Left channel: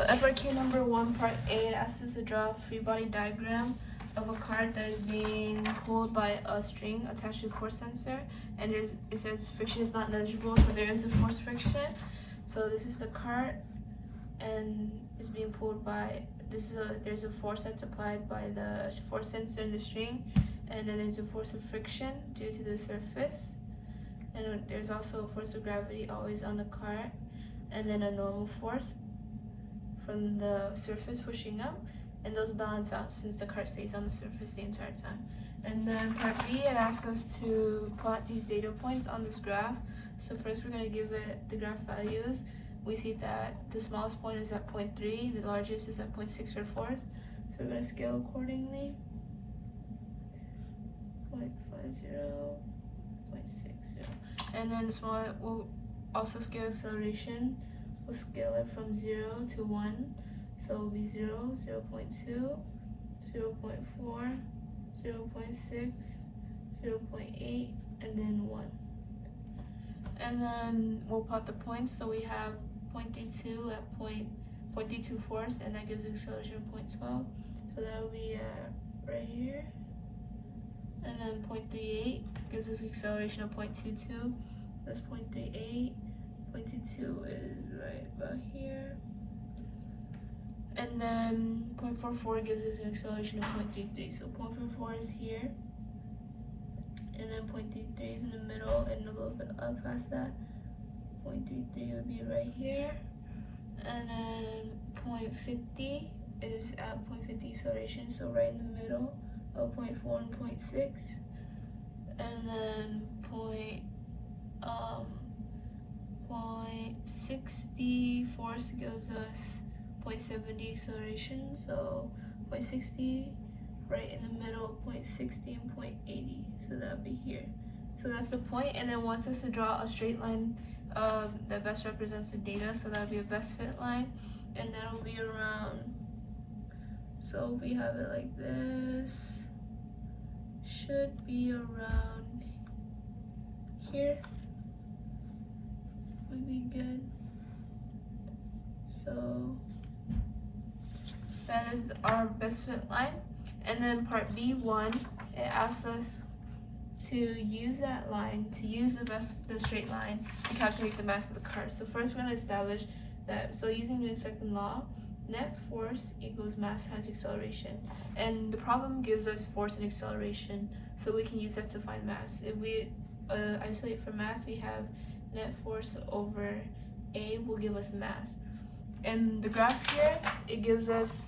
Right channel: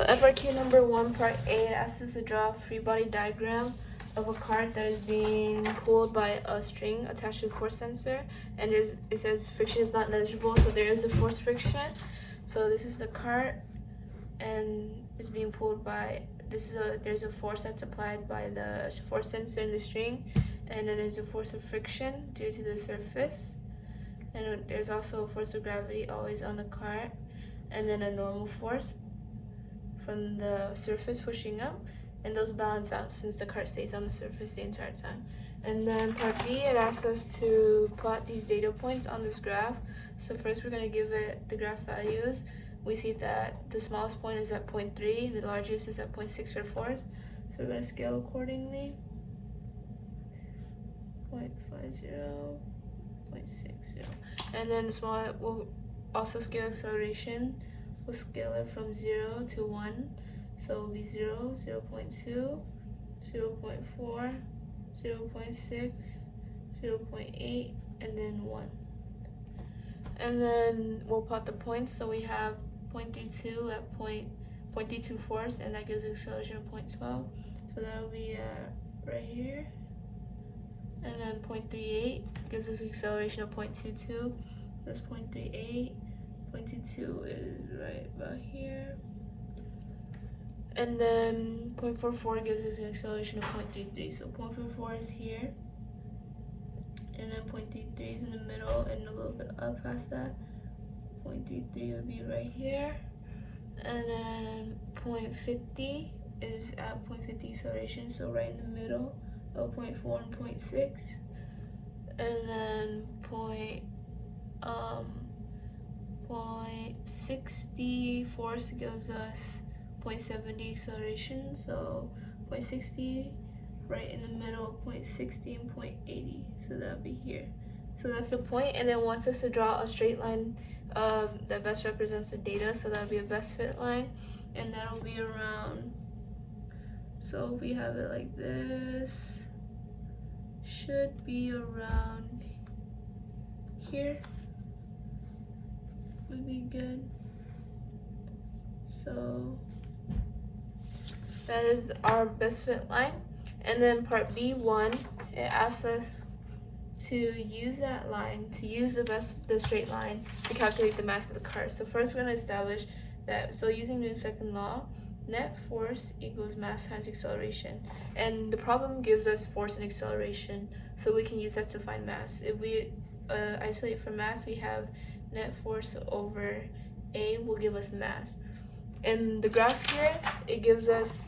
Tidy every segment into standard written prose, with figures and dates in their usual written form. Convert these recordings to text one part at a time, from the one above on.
So FRQ number 1, part A, asks us to draw a free body diagram of a cart that is being pulled by a string attached to a force sensor, and it says friction is not negligible, so there is a force friction. So this is the cart, and it's being pulled by there's a force that's applied by the force sensor in the string, and then there's a force of friction due to the surface, and there's also a force of gravity always on the cart, and then a normal force from the surface pushing up, and those balance out since the cart stays on the surface the entire time. And then part B, it asks us to plot these data points on this graph. So first we're going to give it the graph values. We see that the smallest point is at 0.3, the largest is at 0.644. So we're going to scale accordingly. 0.50, 0.60. And then the small, we'll also scale acceleration. We'll scale it from 0 to 1. So it will be 0, 0.2, 0.4, 0.6, 0.8, and then 1. And then we'll plot the points. So we have 0.32 at 0.32 force, and that gives an acceleration of 0.12. So that will be right here. And then 0.38 gives us an acceleration of 0.22. That's 0.38. 0.22 is right about here. And then 0.44 gives us an acceleration of 0.33. So 0.44 is here. And then 0.33 is in the middle and a little bit up past that. 0.33 would be right here. And then 0.50 is at 0.50 acceleration, so right in the middle of 0.4 and 0.6. And then 0.60 force gives us 0.70 acceleration, so 0.60 right in the middle, 0.60 and 0.80, so that'll be here. So that's the point, and it wants us to draw a straight line that best represents the data, so that'll be a best fit line, and that'll be around, so if we have it like this, should be around here, would be good. So that is our best fit line. And then part B1, it asks us to use that line, to use the straight line to calculate the mass of the cart. So first we're going to establish that, so using Newton's second law, net force equals mass times acceleration. And the problem gives us force and acceleration, so we can use that to find mass. If we isolate for mass, we have net force over A will give us mass. In the graph here, it gives us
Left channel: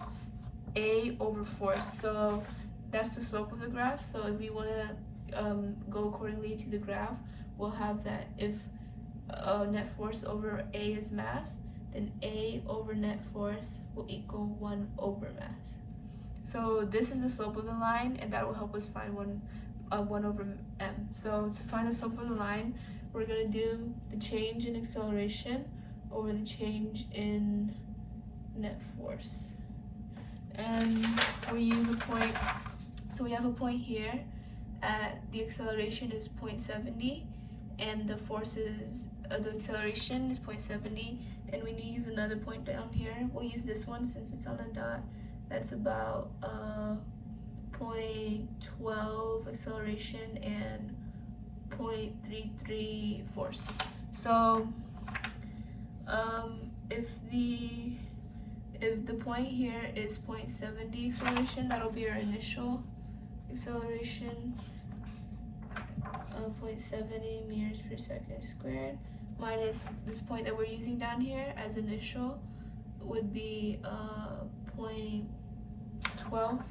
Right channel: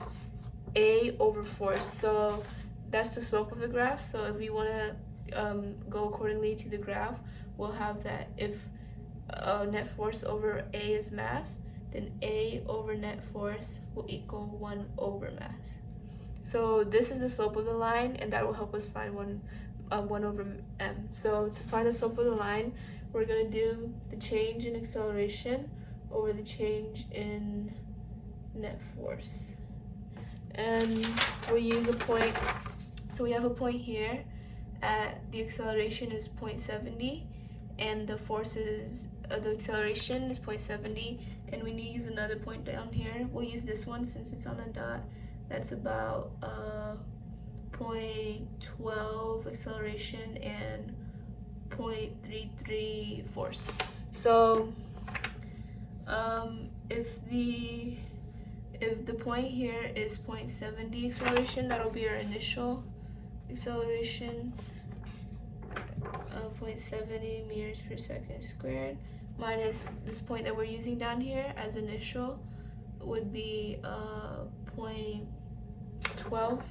A over force, so that's the slope of the graph. So if we want to go accordingly to the graph, we'll have that if net force over A is mass, then A over net force will equal 1 over mass. So this is the slope of the line, and that will help us find 1 over m. So to find the slope of the line, we're going to do the change in acceleration over the change in net force. And we'll use a point, so we have a point here at the acceleration is 0.70, and the force is, the acceleration is 0.70, and we need to use another point down here. We'll use this one since it's on the dot. That's about 0.12 acceleration and 0.33 force. So if the point here is 0.70 acceleration, that'll be our initial acceleration, 0.70 meters per second squared, minus this point that we're using down here as initial would be 0.12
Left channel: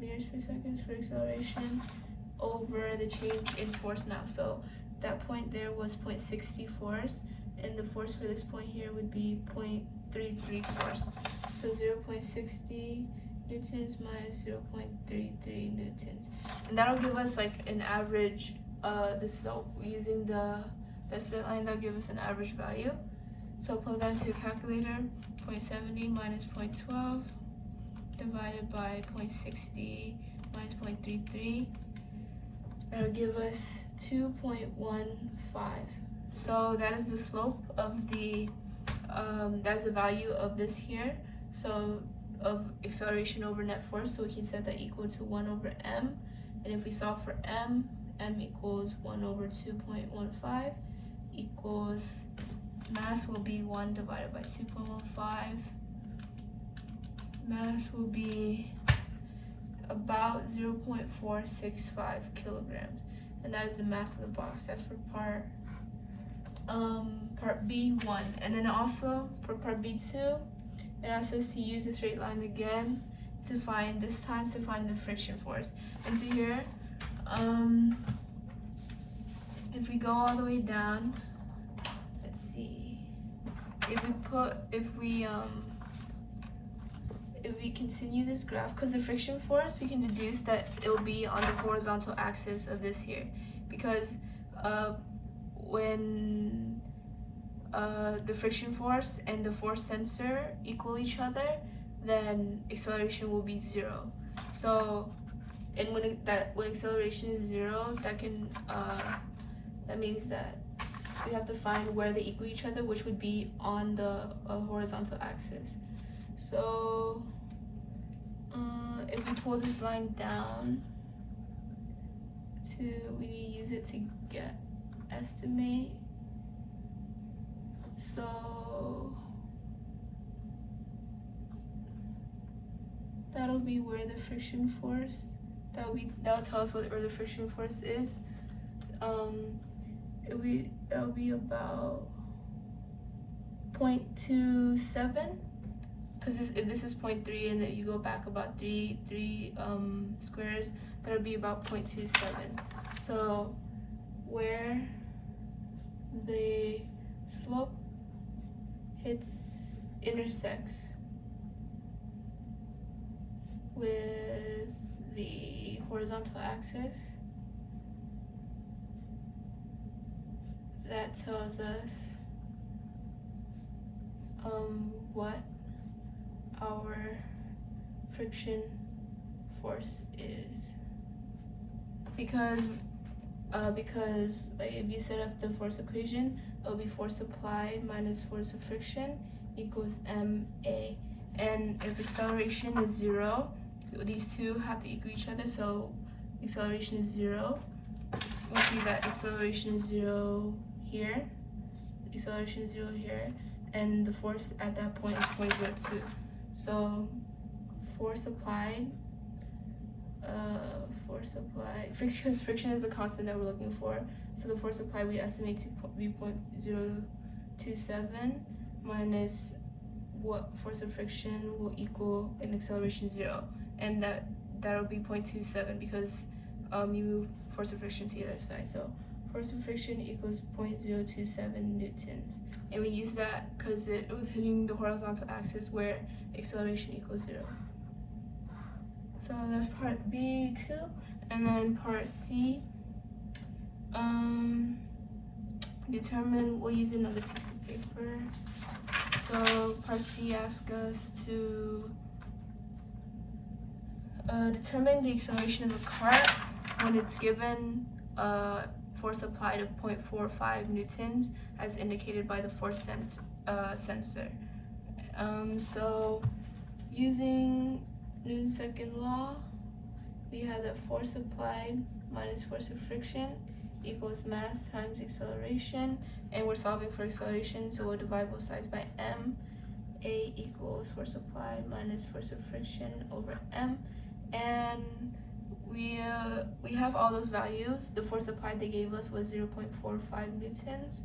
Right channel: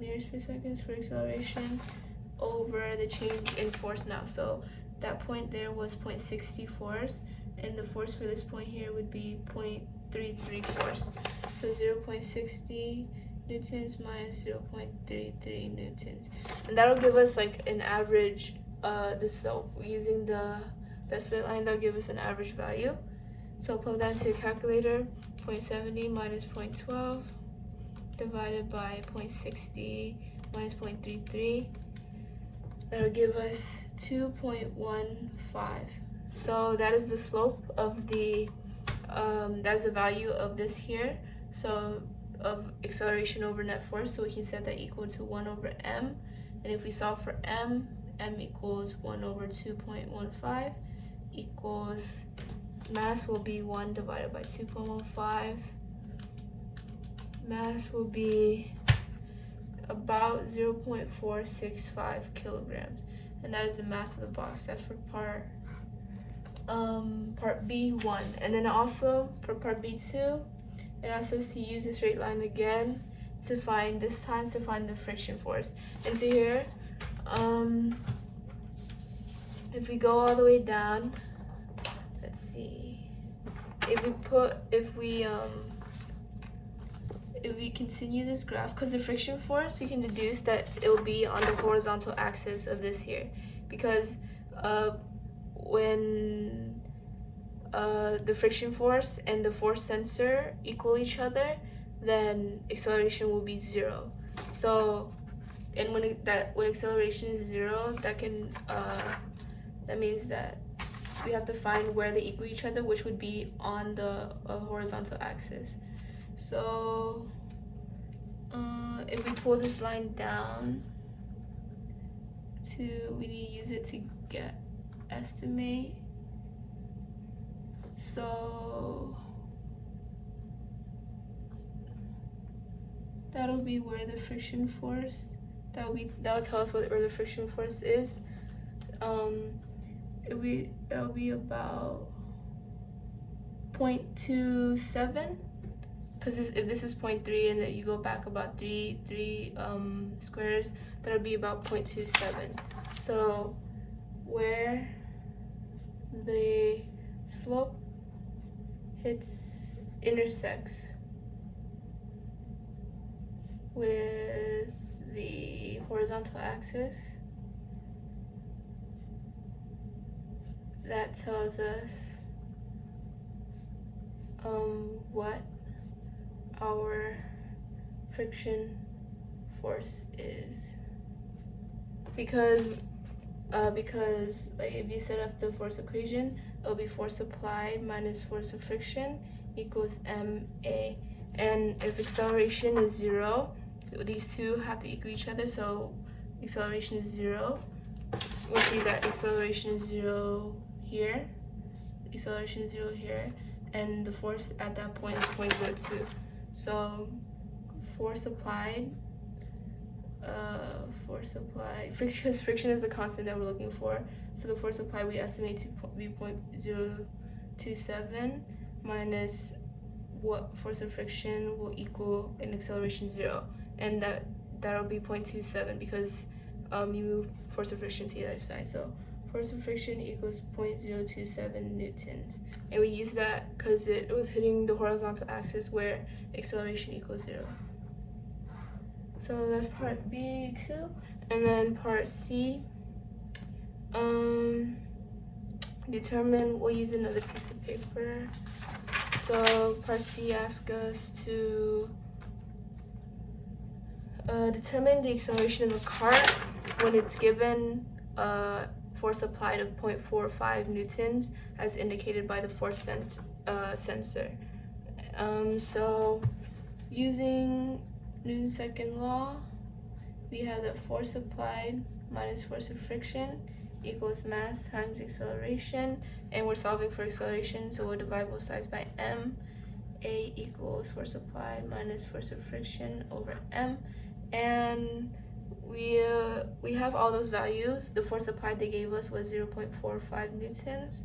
meters per second for acceleration over the change in force now. So that point there was 0.60 force, and the force for this point here would be 0.33 force. So 0.60 newtons minus 0.33 newtons. And that'll give us like an average, the slope. Using the best fit line, that'll give us an average value. So plug that into your calculator, 0.70 minus 0.12 divided by 0.60 minus 0.33. That'll give us 2.15. So that is the slope of the that's the value of this here, so of acceleration over net force, so we can set that equal to 1 over m. And if we solve for m equals 1 over 2.15 equals, mass will be 1 divided by 2.15. Mass will be about 0.465 kilograms, and that is the mass of the box. That's for part B1. And then also for part B2, it asks us to use the straight line again to find, this time to find the friction force. And to here, if we go all the way down, let's see, if we continue this graph, because the friction force, we can deduce that it will be on the horizontal axis of this here, because when the friction force and the force sensor equal each other, then acceleration will be 0. So, and when acceleration is 0, that means that we have to find where they equal each other, which would be on the horizontal axis. So, if we pull this line down, we need to use it to estimate. So that'll be where the friction force, that'll tell us where the friction force is. That'll be about 0.27, because if this is 0.3 and then you go back about three squares, that'll be about 0.27. So where the slope intersects with the horizontal axis, that tells us what our friction force is. Because like if you set up the force equation, it'll be force applied minus force of friction equals ma. And if acceleration is 0, these two have to equal each other, so acceleration is 0. We'll see that acceleration is 0 here, acceleration is 0 here, and the force at that point is 0.02. So force applied, because friction is the constant that we're looking for, so the force applied we estimate to be 0.027 minus what force of friction will equal an acceleration 0, and that'll be 0.27 because you move force of friction to the other side. So force of friction equals 0.027 newtons, and we use that because it was hitting the horizontal axis where acceleration equals 0. So that's part B2, and then part C. We'll use another piece of paper. So part C asks us to determine the acceleration of a cart when it's given force applied of 0.45 newtons as indicated by the force sensor. So using Newton's second law, we have that force applied minus force of friction equals mass times acceleration, and we're solving for acceleration, so we'll divide both sides by m. A equals force applied minus force of friction over m, and we have all those values. The force applied they gave us was 0.45 newtons,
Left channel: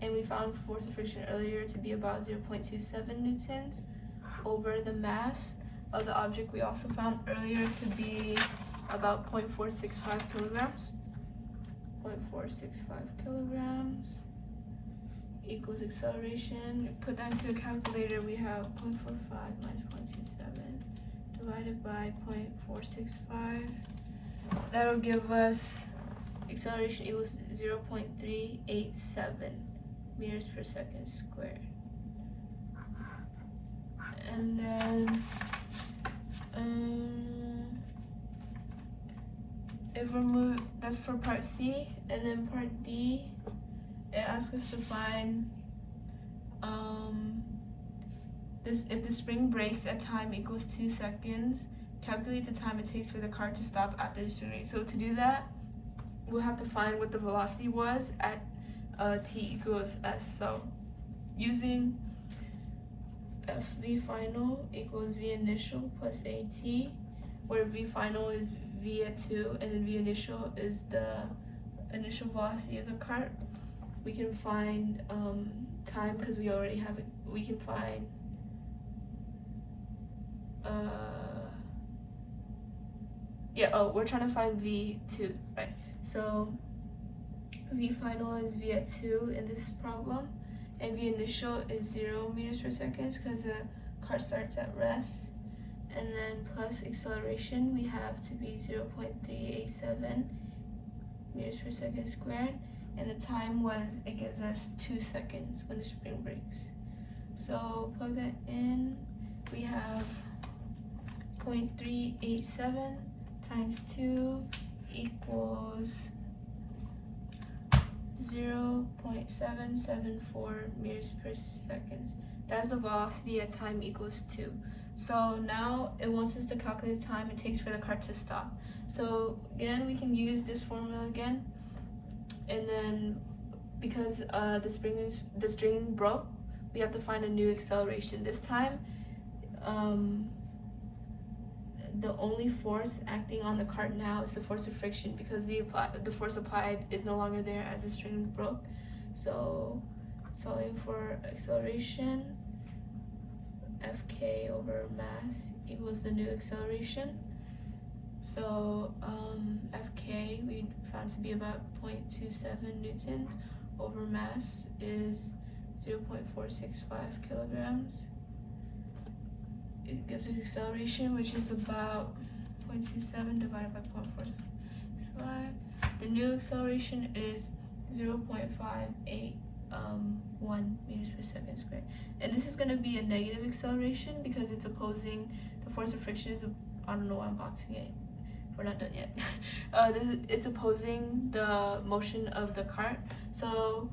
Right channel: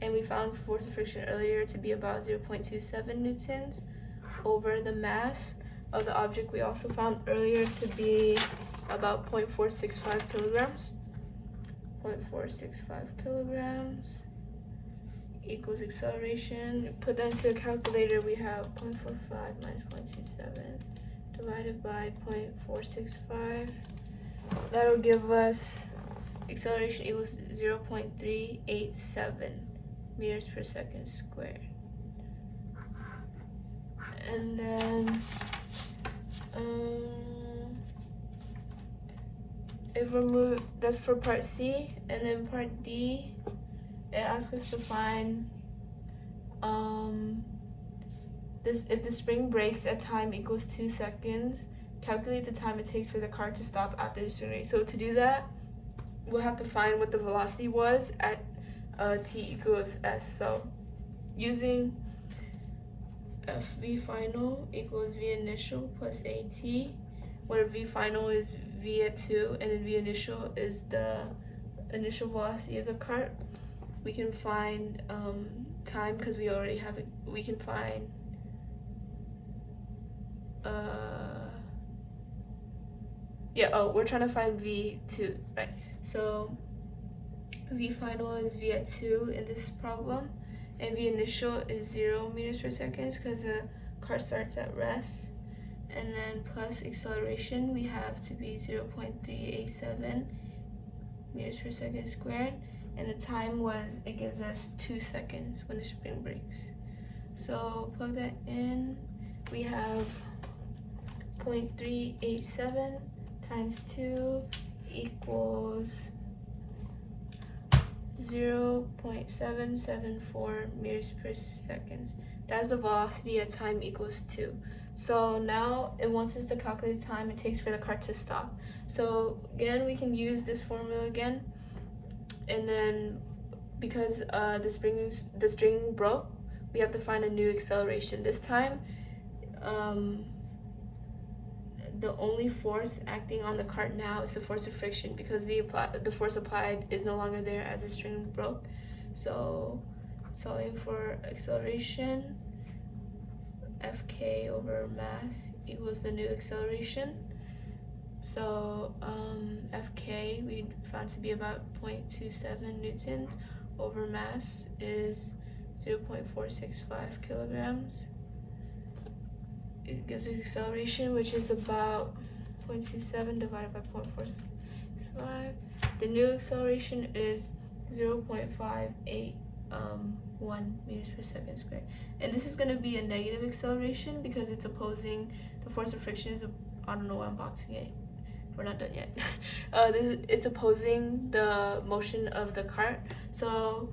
and we found force of friction earlier to be about 0.27 newtons over the mass of the object we also found earlier to be about 0.465 kilograms. 0.465 kilograms equals acceleration. Put that into a calculator, we have 0.45 minus 0.27 divided by 0.465. That'll give us acceleration equals 0.387 meters per second squared. And then if we move, that's for part C, and then part D, it asks us to find if the spring breaks at time equals 2 seconds, calculate the time it takes for the car to stop after the spring break. So to do that, we'll have to find what the velocity was at t equals s. So using v final equals v initial plus at, where v final is v at 2 and then v initial is the initial velocity of the cart, we can find time because we already have it. We can find we're trying to find v2, right? So v final is v at 2 in this problem, and v initial is 0 meters per second because the car starts at rest, and then plus acceleration we have to be 0.387 meters per second squared, and the time was, it gives us 2 seconds when the spring breaks. So plug that in, we have 0.387 times 2 equals 0.774 meters per second. That's the velocity at time equals 2. So now it wants us to calculate the time it takes for the car to stop. So again, we can use this formula again, and then because the string broke, we have to find a new acceleration. This time, the only force acting on the cart now is the force of friction because the force applied is no longer there as the string broke. So solving for acceleration, Fk over mass equals the new acceleration. So Fk we found to be about 0.27 newtons over mass is 0.465 kilograms. It gives an acceleration which is about 0.27 divided by 0.465. The new acceleration is 0.581 meters per second squared. And this is going to be a negative acceleration because it's opposing the force of friction is, I don't know why I'm boxing it. We're not done yet. It's opposing the motion of the cart. So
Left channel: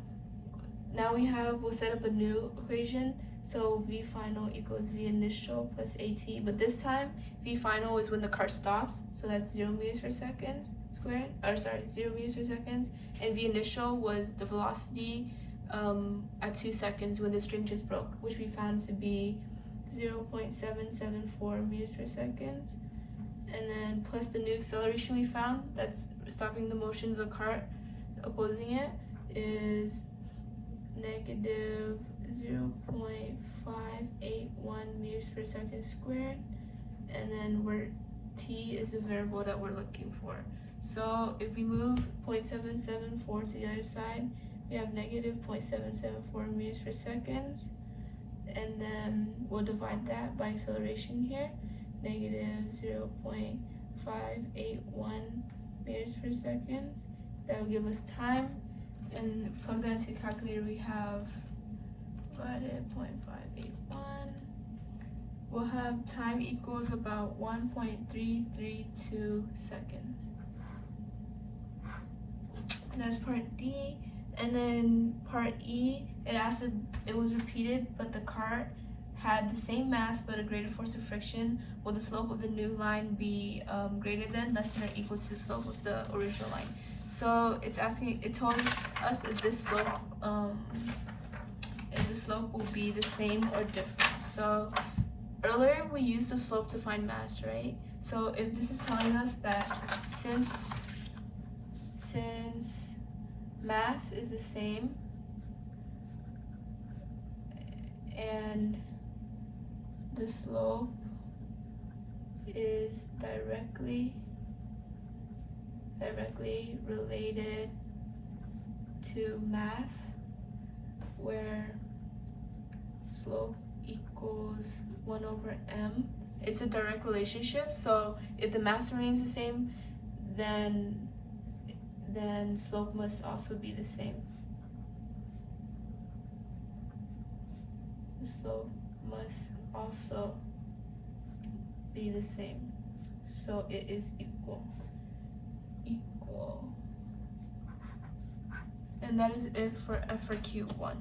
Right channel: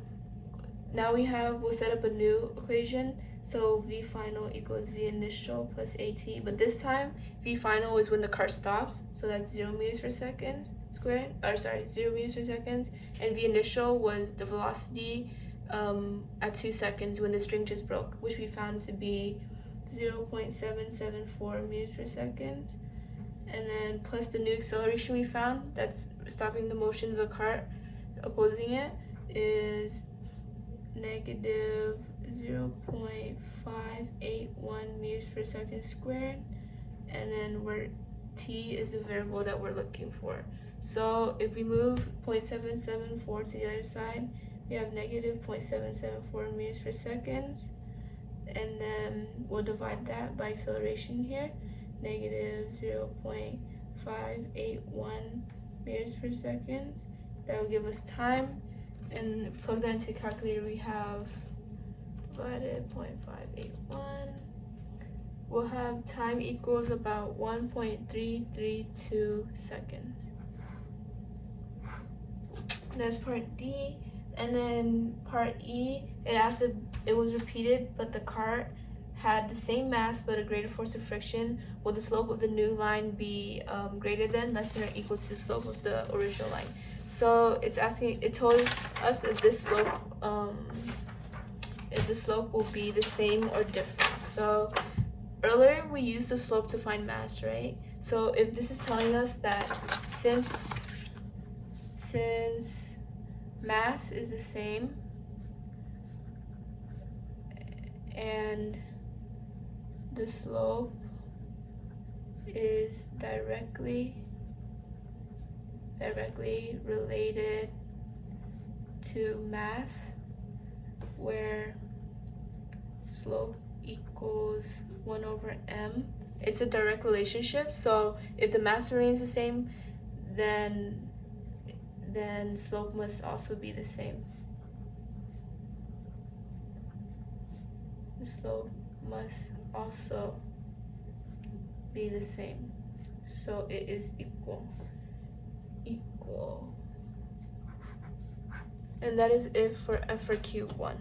now we'll set up a new equation. So v final equals v initial plus at, but this time v final is when the car stops, so that's 0 meters per second squared, 0 meters per second, and v initial was the velocity at 2 seconds when the string just broke, which we found to be 0.774 meters per second, and then plus the new acceleration we found that's stopping the motion of the cart, opposing it, is negative 0.581 meters per second squared, and then where t is the variable that we're looking for. So if we move 0.774 to the other side, we have negative 0.774 meters per second, and then we'll divide that by acceleration here, negative 0.581 meters per second. That will give us time, and plug that into the calculator. We have divided 0.581. We'll have time equals about 1.332 seconds. That's part D. And then part E, it asked if it was repeated, but the cart had the same mass but a greater force of friction. Will the slope of the new line be greater than, less than, or equal to the slope of the original line? So it's asking, it told us if this slope, will be the same or different. So earlier we used the slope to find mass, right? So if this is telling us that since mass is the same and the slope is directly related to mass, where slope equals 1 over m. It's a direct relationship, so if the mass remains the same, then slope must also be the same. The slope must also be the same. So it is equal. And that is it for Q1.